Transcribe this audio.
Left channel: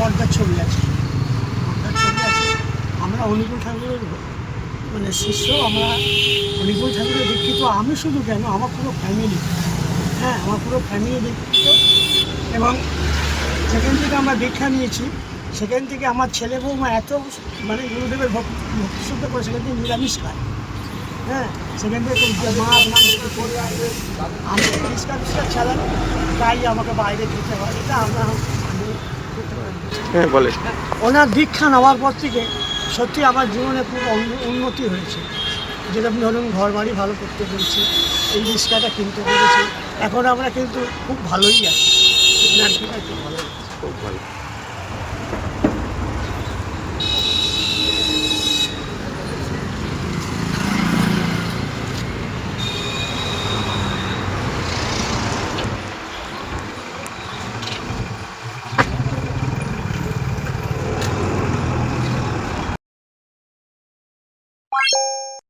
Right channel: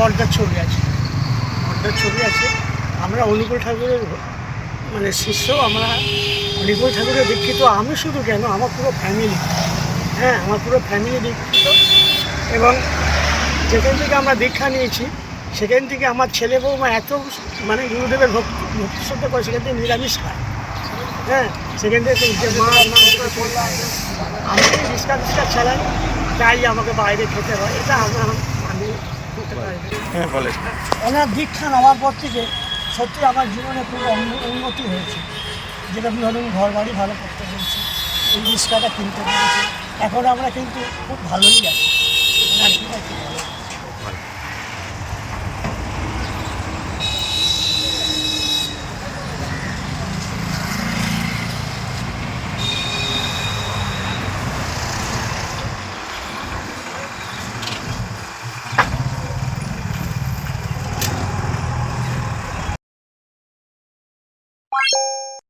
পর্দার ছবি আছে। পর্দার ছবি আছে। আমরা অনুকূল ঠাকুরের মানে শিষ্য, আমরা অনুকূল ঠাকুরের দীক্ষিত। আমি শুধু কেন? আমার পুরো ফ্যামিলি হ্যাঁ আমার পুরো ফ্যামিলি দীক্ষিত। এবং যেখান থেকে আমরা দীক্ষা নিয়েছি, সেখান থেকে আমার ছেলে বৌমা এত মানে গুরুদেবের ভক্তি ভক্তি শ্রদ্ধা করে সেখান থেকে নিরামিষ খায়। হ্যাঁ সেখান থেকে যে মাছ মাংস কিছু খায় না। আমি রিস্কা টিস্কা চালাই তাই আমাকে বাইরে খেতে হয়। এটা আমরা। হ্যাঁ বলেন। ওনার দীক্ষা নেওয়ার পর থেকে সত্যি আমার জীবনে খুব উন্নতি হয়েছে। যেরকম ধরুন ঘর বাড়ি ভালো করতে পেরেছি এই রিক্সাটা কিনতে পেরেছি। এখন আমরা কিন্তু খুব ভালোই আছি। ওনার কি খুব ভালো। খুব ভালো। Bye.